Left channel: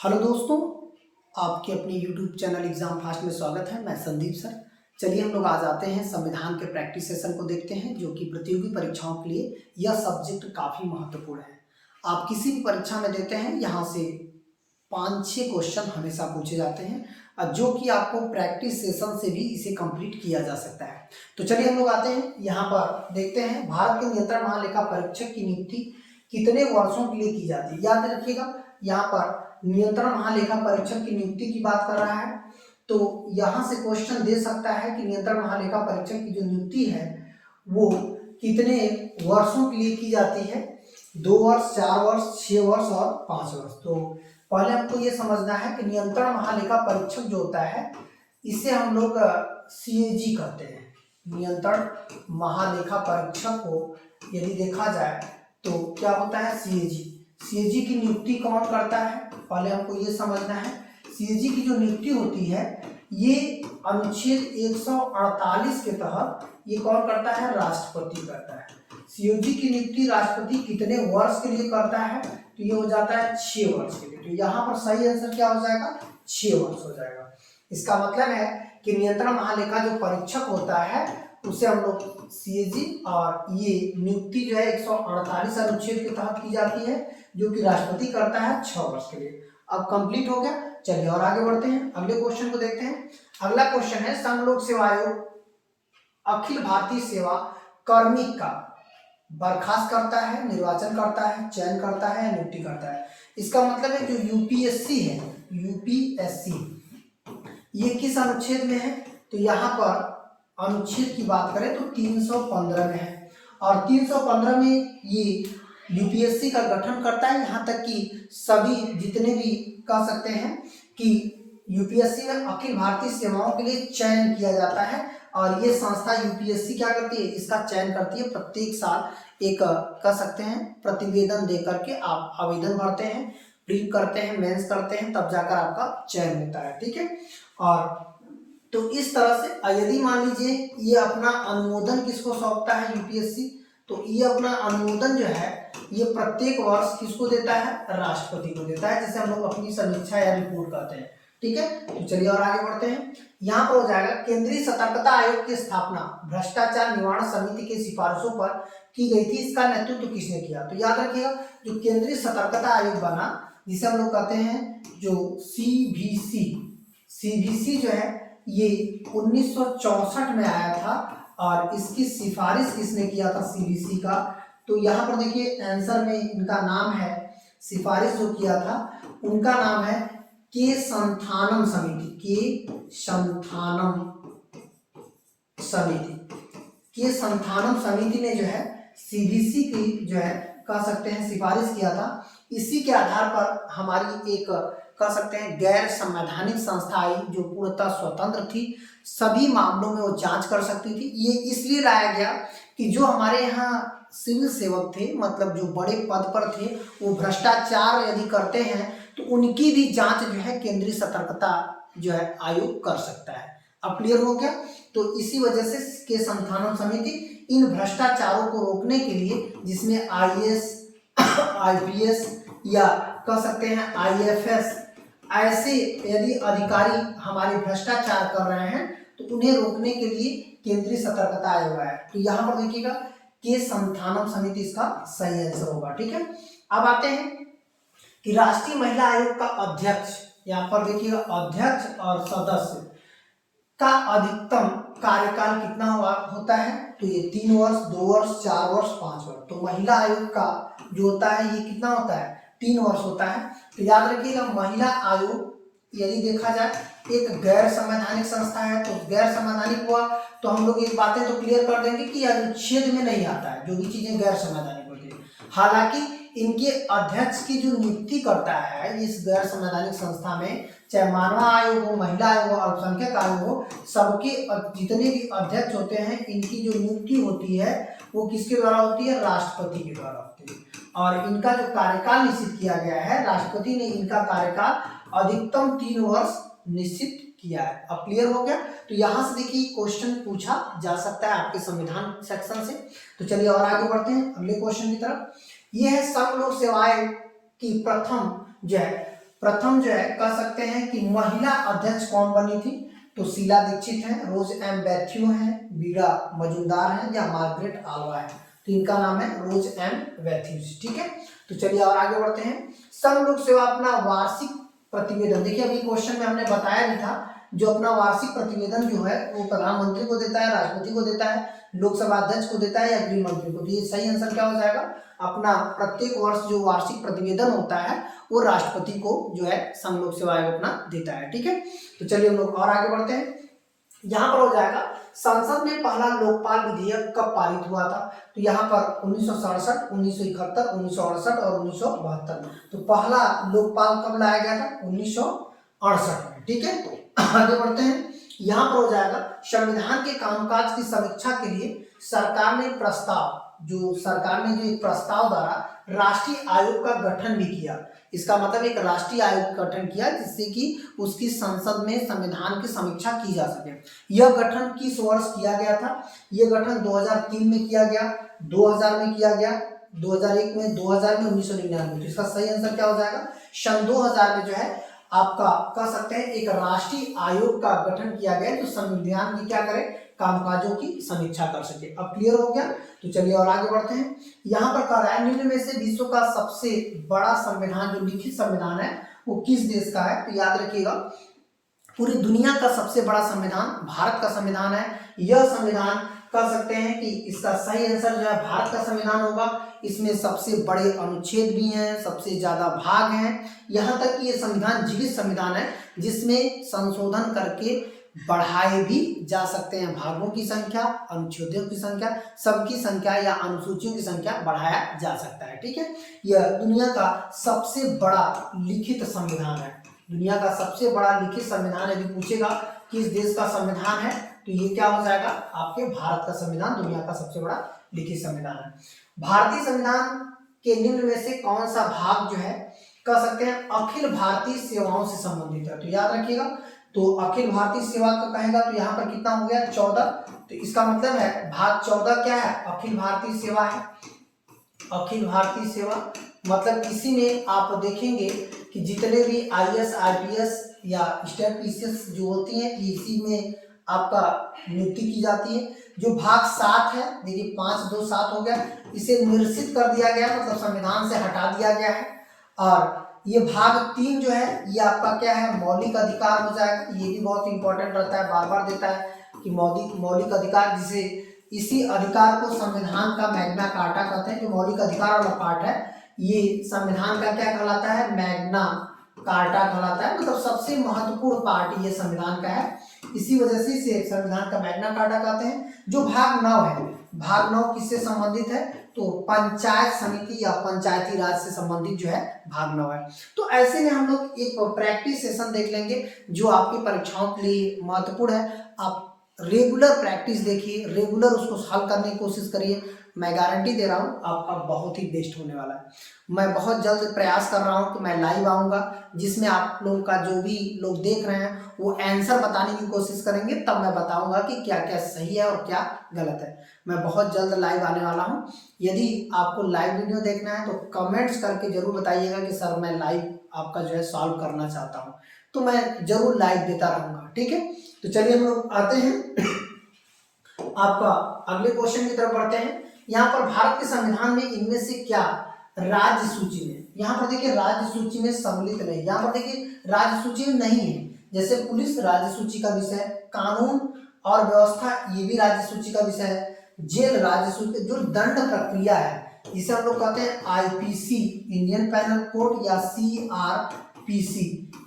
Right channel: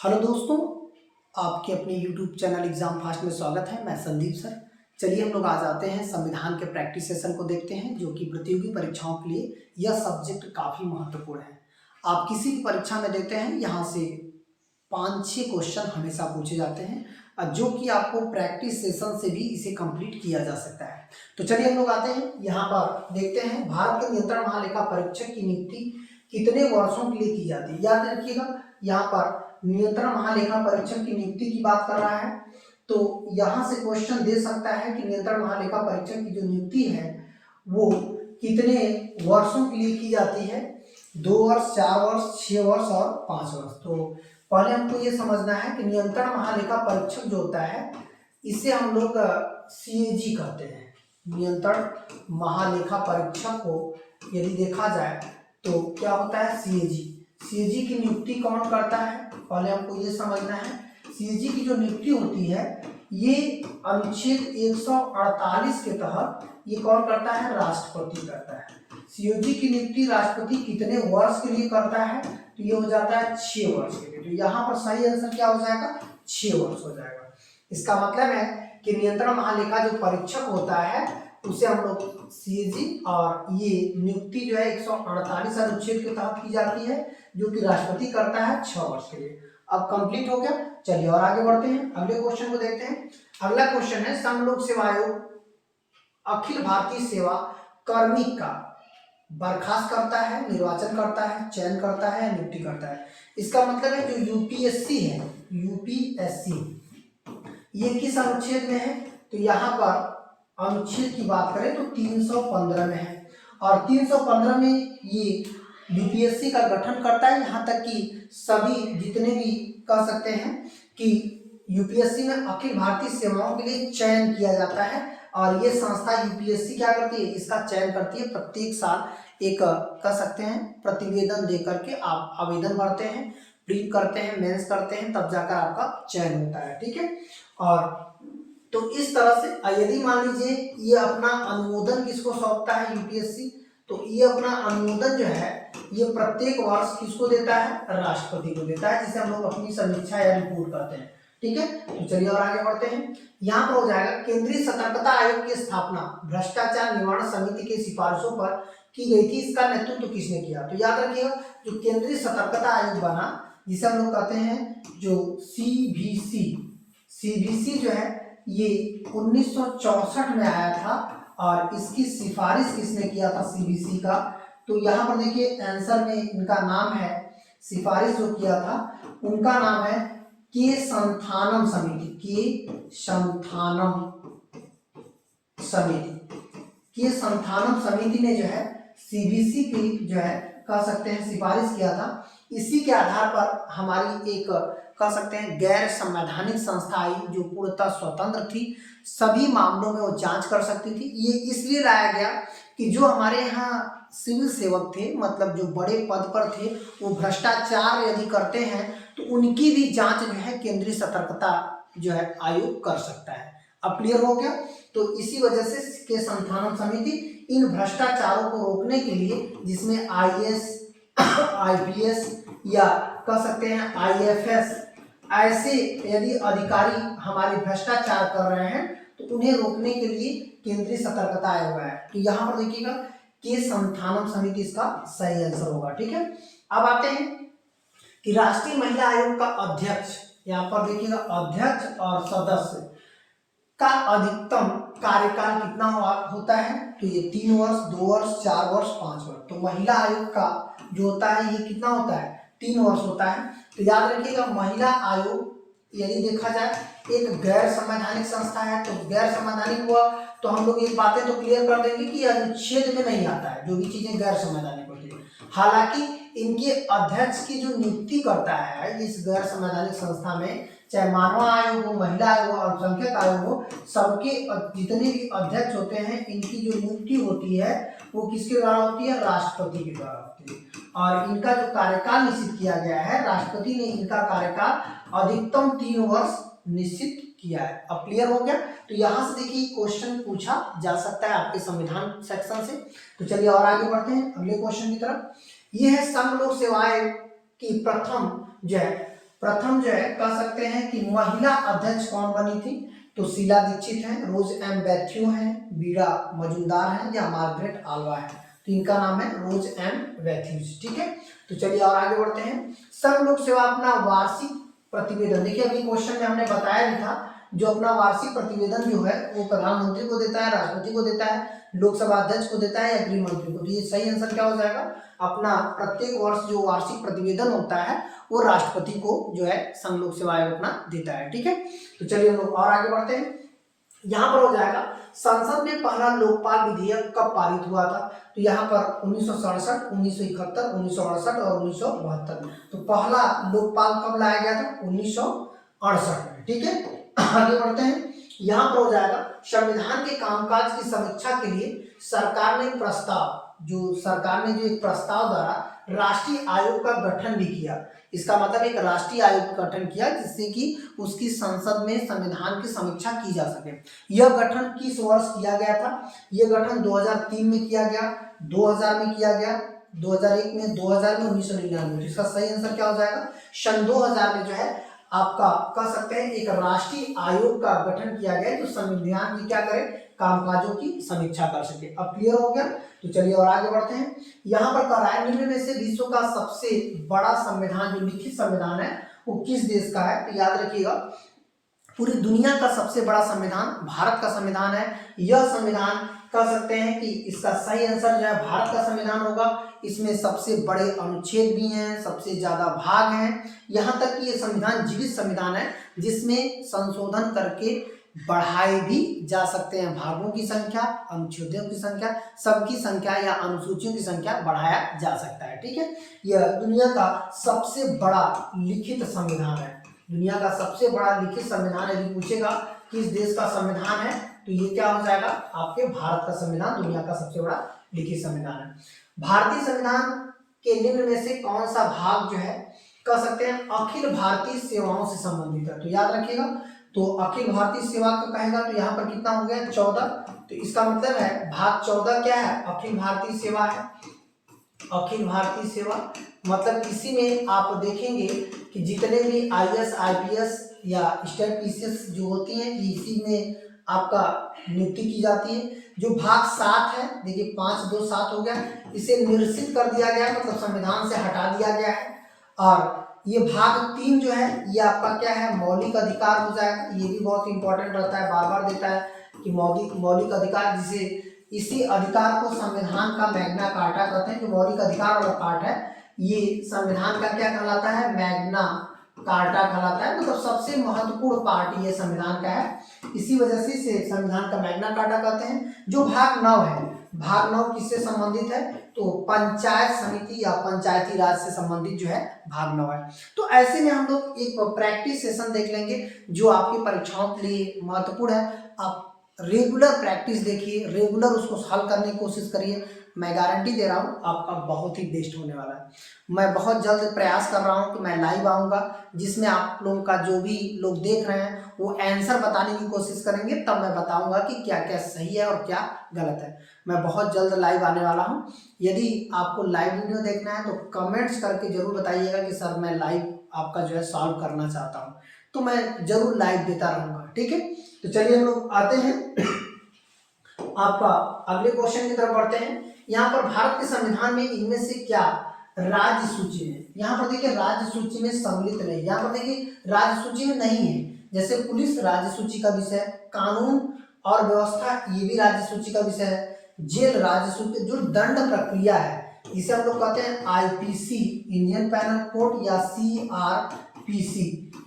Hello दोस्तों, आपके अपने यूट्यूब चैनल एग्जाम फास्ट में स्वागत है। मैं संदीप सर। चलिए हम लोग आज आते हैं संविधान के प्रैक्टिस सेशन को देखते हैं, जो कि प्रतियोगी परीक्षाओं के लिए यह सब्जेक्ट काफ़ी महत्वपूर्ण है। आप किसी भी परीक्षा में देते हैं, यहाँ से 5-6 क्वेश्चन हमेशा पूछे जाते हैं, और जो कि आपको प्रैक्टिस सेशन से भी इसे कंप्लीट किया जा सकता है। तो चलिए हम लोग आते हैं, यहाँ पर देखते हैं भारत के नियंत्रण महालेखा परीक्षक की नियुक्ति कितने वर्षों के लिए की जाती है। याद रखिएगा, यहाँ पर नियंत्रण महालेखा परीक्षक की नियुक्ति की बात कर रहा है, तो यहाँ से क्वेश्चन दे सकता है कि नियंत्रण महालेखा परीक्षक की जो नियुक्ति है वो कितने वर्षों के लिए की जाती है। 2 वर्ष, 4 वर्ष, 6 वर्ष और 5 वर्ष। तो पहले हमको ये समझना है कि नियंत्रण महालेखा परीक्षक जो होता है, इसे हम लोग CAG कहते हैं। नियंत्रण महालेखा परीक्षक को यदि देखा जाए तो क्या होता है, CAG की नियुक्ति कौन करता है, पहले हमको ये समझना है। CAG की जो नियुक्ति होती है, ये अनुच्छेद 148 के तहत ये कौन करता है, राष्ट्रपति करता है। CAG की नियुक्ति राष्ट्रपति कितने वर्ष के लिए करता है, तो ये हो जाता है 6 वर्ष के लिए। तो यहाँ पर सही आंसर क्या हो जाएगा, 6 वर्ष हो जाएगा। इसका मतलब है कि नियंत्रण महालेखा जो परीक्षक होता है उसे हम लोग CAG, और ये नियुक्ति जो है 148 अनुच्छेद के तहत की जाती है, जो कि राष्ट्रपति करता है 6 वर्ष के लिए। अब कंप्लीट हो गया। चलिए और आगे बढ़ते हैं, अगले क्वेश्चन को देखते हैं। अगला क्वेश्चन है, संघ लोक सेवा आयोग अखिल भारतीय सेवा कार्मिक का बर्खास्त करता है, निर्वाचन करता है, चयन करता है, नियुक्ति करता है। इसका मतलब है जो UPSC है, UPSC ये किस अनुच्छेद में है, तो यहाँ पर अनुच्छेद की बात करें तो 315 में है, और 315 में ये UPSC का गठन करता है। यहाँ तक कि सभी जितने भी कह सकते हैं कि UPSC में अखिल भारतीय सेवाओं के लिए चयन किया जाता है, और ये संस्था UPSC क्या करती है, इसका चयन करती है। प्रत्येक साल एक कह सकते हैं प्रतिवेदन दे करके आप आवेदन भरते हैं, प्री करते हैं, मेंस करते हैं, तब जाकर आपका चयन होता है। ठीक है, और तो इस तरह से यदि मान लीजिए ये अपना अनुमोदन किसको सौंपता है, UPSC, तो ये अपना अनुमोदन जो है ये प्रत्येक वर्ष किसको देता है, राष्ट्रपति को देता है, जिसे हम लोग अपनी समीक्षा या रिपोर्ट कहते हैं। ठीक है, तो चलिए और आगे बढ़ते हैं। यहाँ पर हो जाएगा, केंद्रीय सतर्कता आयोग की स्थापना भ्रष्टाचार निवारण समिति की सिफारिशों पर की गई थी, इसका नेतृत्व किसने किया। तो याद रखिएगा, जो केंद्रीय सतर्कता आयोग बना, जिसे हम लोग कहते हैं जो CBC जो है, ये 1964 में आया था, और इसकी सिफारिश किसने किया था, CBC का। तो यहाँ पर देखिए आंसर में इनका नाम है, सिफारिश जो किया था उनका नाम है के संथानम समिति, के संथानम समिति ने जो है CBC की जो है कह सकते हैं सिफारिश किया था। इसी के आधार पर हमारी एक कह सकते हैं गैर संवैधानिक संस्था आई, जो पूर्णतः स्वतंत्र थी, सभी मामलों में वो जांच कर सकती थी। ये इसलिए लाया गया कि जो हमारे यहाँ सिविल सेवक थे, मतलब जो बड़े पद पर थे, वो भ्रष्टाचार यदि करते हैं तो उनकी भी जांच जो है केंद्रीय सतर्कता जो है आयोग कर सकता है। अब क्लियर हो गया। तो इसी वजह से के संथानम समिति इन भ्रष्टाचारों को रोकने के लिए, जिसमें IAS, IPS या कह सकते हैं IFS, ऐसे यदि अधिकारी हमारे भ्रष्टाचार कर रहे हैं तो उन्हें रोकने के लिए केंद्रीय सतर्कता आयोग है। तो यहाँ पर देखिएगा के संथानम समिति इसका सही आंसर होगा। ठीक है, अब आते हैं कि राष्ट्रीय महिला आयोग का अध्यक्ष, यहाँ पर देखिएगा अध्यक्ष और सदस्य का अधिकतम कार्यकाल कितना होता है, तो ये 3 वर्ष, 2 वर्ष, 4 वर्ष, 5 वर्ष। तो महिला आयोग का जो होता है ये कितना होता है, 3 वर्ष होता है। तो याद रखिएगा, महिला आयोग यदि देखा जाए एक गैर संवैधानिक संस्था है, तो गैर संवैधानिक हुआ तो हम लोग एक बातें तो क्लियर कर देंगे कि अनुच्छेद में नहीं आता है, जो भी चीजें गैर संवैधानिक होती है। हालांकि इनके अध्यक्ष की जो नियुक्ति करता है इस गैर संवैधानिक संस्था में, चाहे मानव आयोग हो, महिला आयोग हो, अल्पसंख्यक आयोग हो, सबके जितने भी अध्यक्ष होते हैं, इनकी जो नियुक्ति होती है वो किसके द्वारा होती है, राष्ट्रपति के द्वारा होती है। और इनका जो कार्यकाल निश्चित किया गया है, राष्ट्रपति ने इनका कार्यकाल अधिकतम 3 वर्ष निश्चित किया है। अब क्लियर हो गया। तो यहाँ से देखिए क्वेश्चन पूछा जा सकता है आपके संविधान सेक्शन से। तो चलिए और आगे बढ़ते हैं अगले क्वेश्चन की तरफ। ये है संघ लोक सेवा आयोग की प्रथम जो है प्रथम जो है कह सकते हैं कि महिला अध्यक्ष कौन बनी थी, तो शीला दीक्षित है, रोज एम बैथ्यू है, बीड़ा मजुमदार है या मार्गरेट आल्वा है। तो इनका नाम है रोज एम बैथ्यूज। ठीक है, तो चलिए और आगे बढ़ते हैं। संघ लोक सेवा अपना वार्षिक प्रतिवेदन, देखिए अभी क्वेश्चन में हमने बताया भी था, जो अपना वार्षिक प्रतिवेदन जो है वो प्रधानमंत्री को देता है, राष्ट्रपति को देता है, लोकसभा अध्यक्ष को देता है या गृह मंत्री को। तो ये सही आंसर क्या हो जाएगा, अपना प्रत्येक वर्ष जो वार्षिक प्रतिवेदन होता है वो राष्ट्रपति को जो है संघ लोक सेवा आयोग अपना देता है। ठीक है, तो चलिए हम लोग और आगे बढ़ते हैं। यहाँ पर हो जाएगा संसद में पहला लोकपाल विधेयक कब पारित हुआ था, तो यहाँ पर 1967, 1971, 1968 और 1972 में। तो पहला लोकपाल कब लाया गया था, 1968 में। ठीक है, आगे बढ़ते हैं। यहाँ पर हो जाएगा संविधान के कामकाज की समीक्षा के लिए सरकार ने एक प्रस्ताव द्वारा राष्ट्रीय आयोग का गठन भी किया। इसका मतलब एक राष्ट्रीय आयोग का गठन किया जिससे कि उसकी संसद में संविधान की समीक्षा की जा सके। यह गठन किस वर्ष किया गया था, यह गठन 2003 में किया गया, 2000 में किया गया, 2001 में, 2000 में, 1999 में। तो इसका सही आंसर क्या हो जाएगा, सन 2000 में जो है आपका कह सकते हैं एक राष्ट्रीय आयोग का गठन किया गया जो संविधान की क्या करे, कामकाजों की समीक्षा कर सके। अब क्लियर हो गया, तो चलिए और आगे बढ़ते हैं। यहाँ पर कह रहा है निम्न में से विश्व का सबसे बड़ा संविधान जो लिखित संविधान है वो किस देश का है, तो याद रखिएगा पूरी दुनिया का सबसे बड़ा संविधान भारत का संविधान है। यह संविधान कह सकते हैं कि इसका सही आंसर जो है भारत का संविधान होगा। इसमें सबसे बड़े अनुच्छेद भी हैं, सबसे ज्यादा भाग हैं, यहाँ तक कि ये संविधान जीवित संविधान है जिसमें संशोधन करके बढ़ाए भी जा सकते हैं। भागों की संख्या, अनुच्छेदों की संख्या, सबकी संख्या या अनुसूचियों की संख्या बढ़ाया जा सकता है। ठीक है, यह दुनिया का सबसे बड़ा लिखित संविधान है। दुनिया का सबसे बड़ा लिखित संविधान यदि पूछेगा किस देश का संविधान है तो ये क्या हो जाएगा, आपके भारत का संविधान दुनिया का सबसे बड़ा लिखित संविधान है। भारतीय संविधान के निम्न में से कौन सा भाग जो है कह सकते हैं अखिल भारतीय सेवाओं से संबंधित है, तो याद रखिएगा तो अखिल भारतीय सेवा का कहेगा तो यहाँ पर कितना हो गया 14। तो इसका मतलब है भाग 14 क्या है, अखिल भारतीय सेवा है। अखिल भारतीय सेवा मतलब इसी में आप देखेंगे कि जितने भी IAS IPS या स्टेट पीसीएस जो होती हैं इसी में आपका नियुक्ति की जाती है। जो भाग 7 है, देखिए 5 2 7 हो गया, इसे निरसित कर दिया गया मतलब संविधान से हटा दिया गया है। और ये भाग 3 जो है ये आपका क्या है, मौलिक अधिकार हो जाएगा। ये भी बहुत इंपॉर्टेंट रहता है, बार बार देता है कि मौलिक अधिकार, जिसे इसी अधिकार को संविधान का मैग्ना कार्टा कहते हैं। जो मौलिक अधिकार वाला पार्ट है ये संविधान का क्या कहलाता है, मैग्ना कार्टा कहलाता है, मतलब सबसे महत्वपूर्ण पार्ट ये संविधान का है। इसी वजह से इसे संविधान का मैग्ना कार्टा कहते हैं। जो भाग 9 है, भाग 9 किससे संबंधित है, तो पंचायत समिति या पंचायती राज से संबंधित जो है भाग 9 है। तो ऐसे में हम लोग एक प्रैक्टिस सेशन देख लेंगे जो आपकी परीक्षाओं के लिए महत्वपूर्ण है। आप रेगुलर प्रैक्टिस देखिए, रेगुलर उसको हल करने की कोशिश करिए। मैं गारंटी दे रहा हूँ आपका बहुत ही बेस्ट होने वाला है। मैं बहुत जल्द प्रयास कर रहा हूँ कि मैं लाइव आऊँगा जिसमें आप लोगों का जो भी लोग देख रहे हैं वो आंसर बताने की कोशिश करेंगे, तब मैं बताऊंगा कि क्या क्या सही है और क्या गलत है। मैं बहुत जल्द लाइव आने वाला हूँ। यदि आपको लाइव वीडियो देखना है तो कमेंट्स करके जरूर बताइएगा कि सर मैं लाइव आपका जो है सॉल्व करना चाहता हूँ, तो मैं जरूर लाइव देता रहूँगा। ठीक है, तो चलिए हम लोग आते हैं आपका अगले क्वेश्चन की तरफ बढ़ते हैं। यहाँ पर भारत के संविधान में इनमें से क्या राज्य सूची में, यहाँ पर देखिए राज्य सूची में सम्मिलित नहीं, यहाँ पर देखिए राज्य सूची में नहीं है। जैसे पुलिस राज्य सूची का विषय है, कानून और व्यवस्था ये भी राज्य सूची का विषय है, जेल राज्य सूची, जो दंड प्रक्रिया है जिसे हम लोग कहते हैं IPC इंडियन पैनल कोड या CRPC,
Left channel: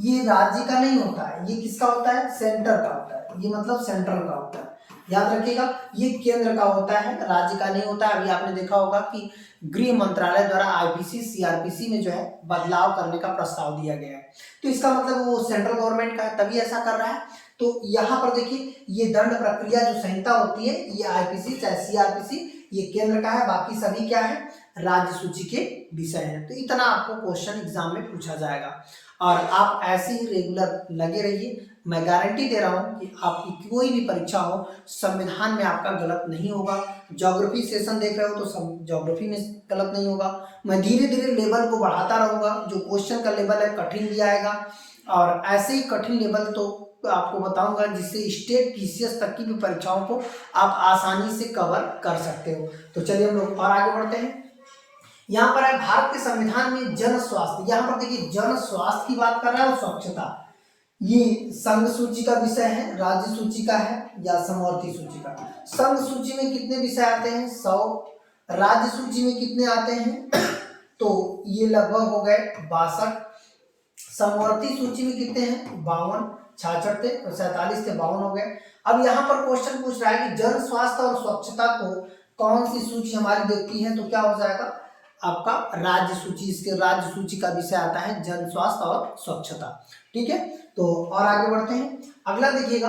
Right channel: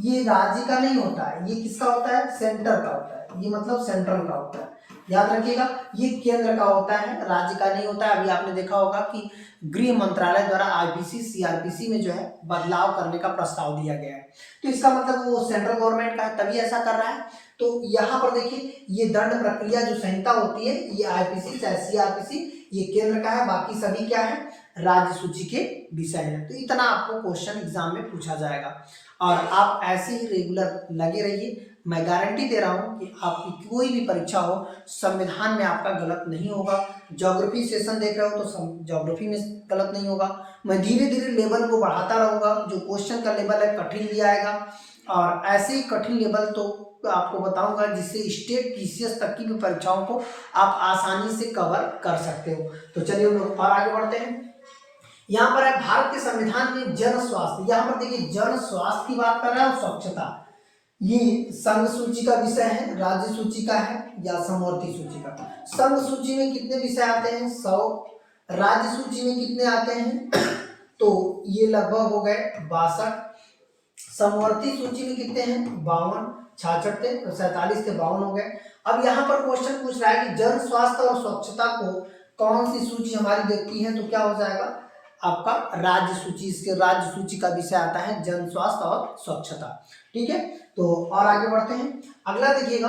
ये राज्य का नहीं होता है, ये किसका होता है, सेंटर का होता है। ये मतलब सेंट्रल का होता है, याद रखिएगा ये केंद्र का होता है, राज्य का नहीं होता है। अभी आपने देखा होगा कि गृह मंत्रालय द्वारा IPC CRPC में जो है बदलाव करने का प्रस्ताव दिया गया है, तो इसका मतलब वो सेंट्रल गवर्नमेंट का है तभी ऐसा कर रहा है। तो यहाँ पर देखिए ये दंड प्रक्रिया जो संहिता होती है ये IPC चाहे CRPC ये केंद्र का है, बाकी सभी क्या है राज्य सूची के विषय हैं। तो इतना आपको क्वेश्चन एग्जाम में पूछा जाएगा और आप ऐसे ही रेगुलर लगे रहिए। मैं गारंटी दे रहा हूँ कि आपकी कोई भी परीक्षा हो संविधान में आपका गलत नहीं होगा। ज्योग्राफी सेशन देख रहे हो तो ज्योग्राफी में गलत नहीं होगा। मैं धीरे धीरे लेवल को बढ़ाता रहूँगा, जो क्वेश्चन का लेवल है कठिन भी आएगा और ऐसे ही कठिन लेवल तो आपको बताऊंगा जिससे स्टेट पीसीएस तक की भी परीक्षाओं को आप आसानी से कवर कर सकते हो। तो चलिए हम लोग और आगे बढ़ते हैं। यहाँ पर है भारत के संविधान में जन स्वास्थ्य। यहाँ पर देखिए जन स्वास्थ्य की बात कर रहा है और स्वच्छता, ये संघ सूची का विषय है, राज्य सूची का है या समवर्ती सूची का। संघ सूची में कितने विषय आते हैं? 100। राज्य सूची में कितने आते हैं? तो ये लगभग हो गए 62। समवर्ती सूची में कितने हैं? 52। 66 थे तो 47 थे, 52 हो गए। अब यहाँ पर क्वेश्चन पूछ रहा है कि जन स्वास्थ्य और स्वच्छता को कौन सी सूची हमारी देखती है? तो क्या हो जाएगा आपका राज्य सूची। इसके राज्य सूची का विषय आता है जन स्वास्थ्य और स्वच्छता। ठीक है, तो और आगे बढ़ते हैं। अगला देखिएगा,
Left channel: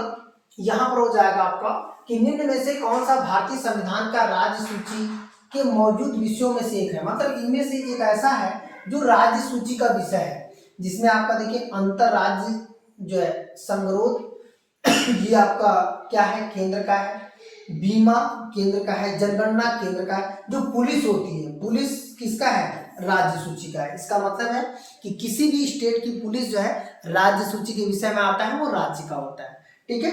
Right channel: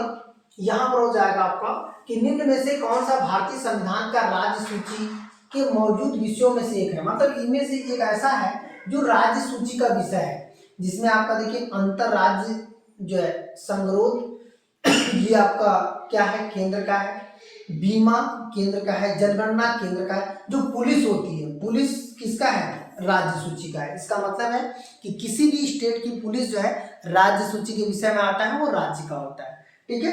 यहाँ पर हो जाएगा आपका कि निम्न में से कौन सा भारतीय संविधान का राज्य सूची के मौजूद विषयों में से एक है। मतलब इनमें से एक ऐसा है जो राज्य सूची का विषय है, जिसमें आपका देखिए अंतर राज्य जो है संगरोध, ये आपका क्या है? केंद्र का है। बीमा केंद्र का है। जनगणना केंद्र का है। जो पुलिस होती है, पुलिस किसका है? राज्य सूची का है। इसका मतलब है कि किसी भी स्टेट की पुलिस जो है राज्य सूची के विषय में आता है, वो राज्य का होता है। ठीक है,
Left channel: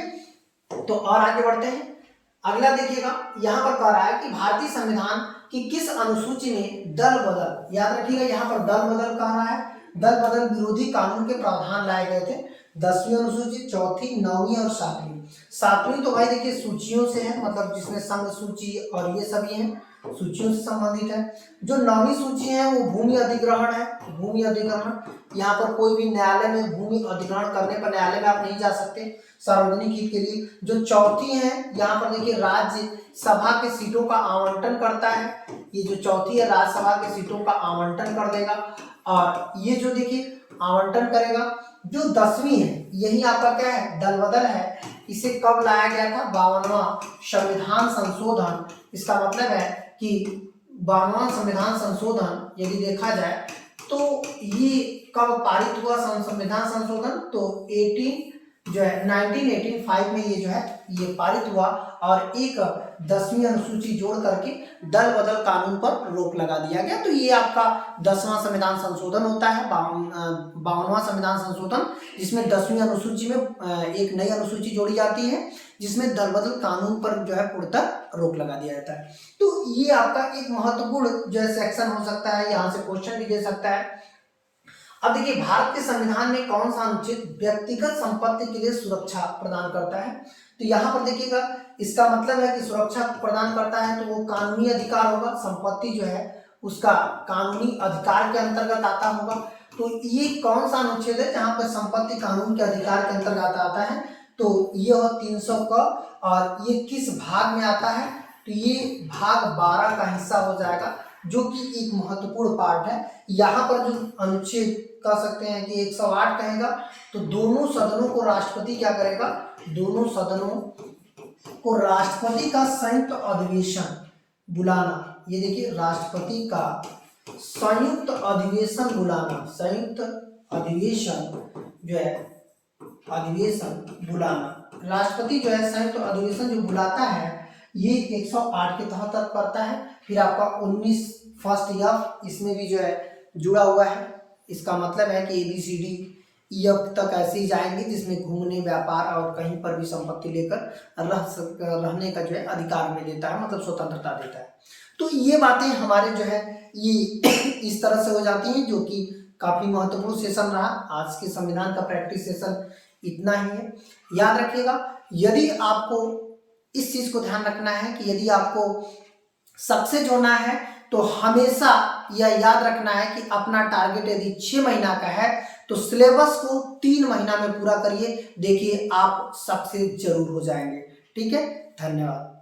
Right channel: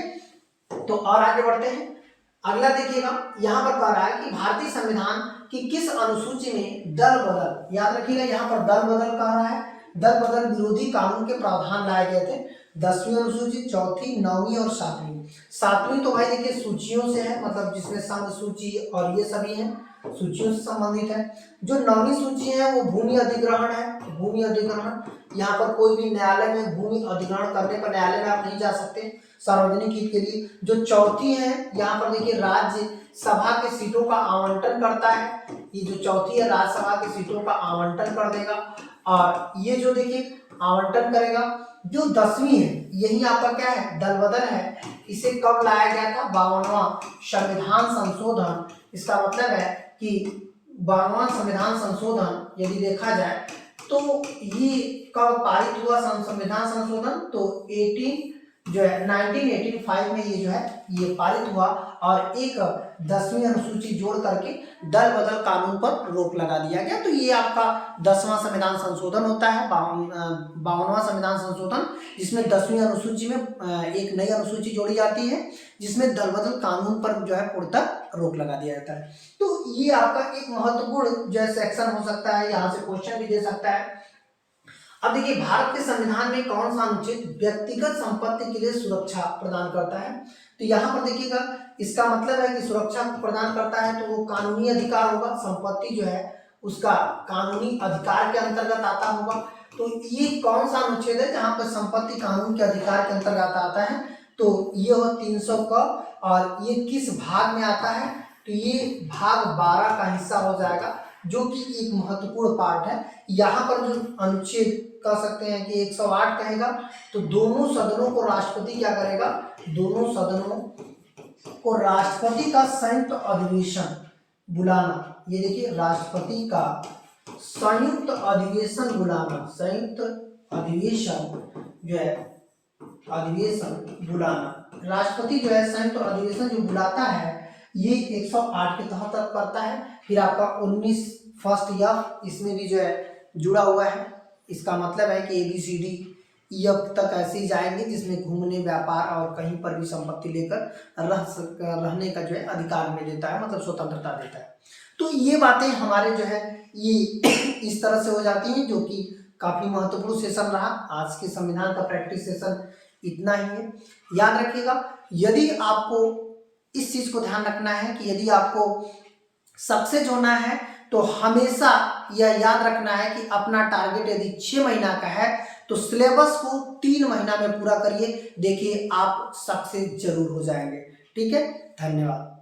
तो और आगे बढ़ते हैं। अगला देखिएगा, यहाँ पर कह रहा है कि भारतीय संविधान की किस अनुसूची में दल बदल, याद रखिएगा यहाँ पर दल बदल कह रहा है, दल बदल विरोधी कानून के प्रावधान लाए गए थे। 10वीं अनुसूची, 4वीं, 9वीं और 7वीं। 7वीं तो भाई देखिए सूचियों से है, मतलब जिसमें संघ सूची और ये सभी हैं, सूचियों से संबंधित है। जो 9वीं सूची है वो भूमि अधिग्रहण है। भूमि अधिग्रहण, यहाँ पर कोई भी न्यायालय में भूमि अधिग्रहण करने पर न्यायालय में आप नहीं जा सकते सार्वजनिक हित के लिए। जो 4थी है, यहाँ पर देखिए राज्य सभा के सीटों का आवंटन करता है। ये जो 4थी है राज्यसभा के सीटों का आवंटन कर देगा। और ये जो देखिए आवंटन करेगा। जो 10वीं है, यही आपका क्या है? दल बदल है। इसे कब लाया गया था? 52वां संविधान संशोधन। इसका मतलब है कि 52वां संविधान संशोधन यदि देखा जाए तो ये कब पारित हुआ? संविधान संशोधन तो 1985 में ये जो है ये पारित हुआ और एक 10वीं अनुसूची जोड़ करके दल बदल कानून पर रोक लगा दिया गया। तो ये आपका 10वां संविधान संशोधन होता है, 52वां संविधान संशोधन, जिसमें 10वीं अनुसूची में एक नई अनुसूची जोड़ी जाती है जिसमें दल बदल कानून पर जो है पूर्णतः रोक लगा दिया जाता है। तो ये आपका एक महत्वपूर्ण जो है सेक्शन हो सकता है, यहाँ से क्वेश्चन भी दे सकता है। अब देखिए भारत के संविधान में कौन सा अनुच्छेद व्यक्तिगत संपत्ति के लिए सुरक्षा प्रदान करता है? तो यहाँ पर देखिएगा, इसका मतलब है कि सुरक्षा प्रदान करता है तो वो कानूनी अधिकार होगा। संपत्ति जो है उसका कानूनी अधिकार के अंतर्गत आता होगा। तो ये कौन सा अनुच्छेद है जहाँ पर संपत्ति कानून के अधिकार के अंतर्गत आता है? तो ये हो 300 का। और ये किस भाग में आता है? तो ये भाग 12 का हिस्सा हो जाएगा, जो कि एक महत्वपूर्ण पार्ट है। यहाँ पर जो अनुच्छेद कह सकते हैं कि 108 कहेगा, तो दोनों सदनों को राष्ट्रपति क्या करेगा? दोनों सदनों को राष्ट्रपति का संयुक्त अधिवेशन बुलाना। ये देखिए राष्ट्रपति का संयुक्त अधिवेशन बुलाना, संयुक्त अधिवेशन जो है अधिवेशन बुलाना, राष्ट्रपति जो है संयुक्त अधिवेशन जो बुलाता है ये 108 के तहत करता है। फिर आपका 19 फर्स्ट एफ इसमें भी जो है जुड़ा हुआ है। इसका मतलब है कि ABCD EF तक ऐसे ही जाएंगे, जिसमें घूमने, व्यापार और कहीं पर भी संपत्ति लेकर रहने का जो है अधिकार में देता है, मतलब स्वतंत्रता देता है। तो ये बातें हमारे जो है ये इस तरह से हो जाती हैं, जो कि काफ़ी महत्वपूर्ण सेशन रहा। आज के संविधान का प्रैक्टिस सेशन इतना ही है। याद रखिएगा, यदि आपको इस चीज़ को ध्यान रखना है कि यदि आपको सक्सेस होना है तो हमेशा यह याद रखना है कि अपना टारगेट यदि 6 महीना का है तो सिलेबस को 3 महीना में पूरा करिए। देखिए आप सक्सेस जरूर हो जाएंगे। ठीक है, धन्यवाद।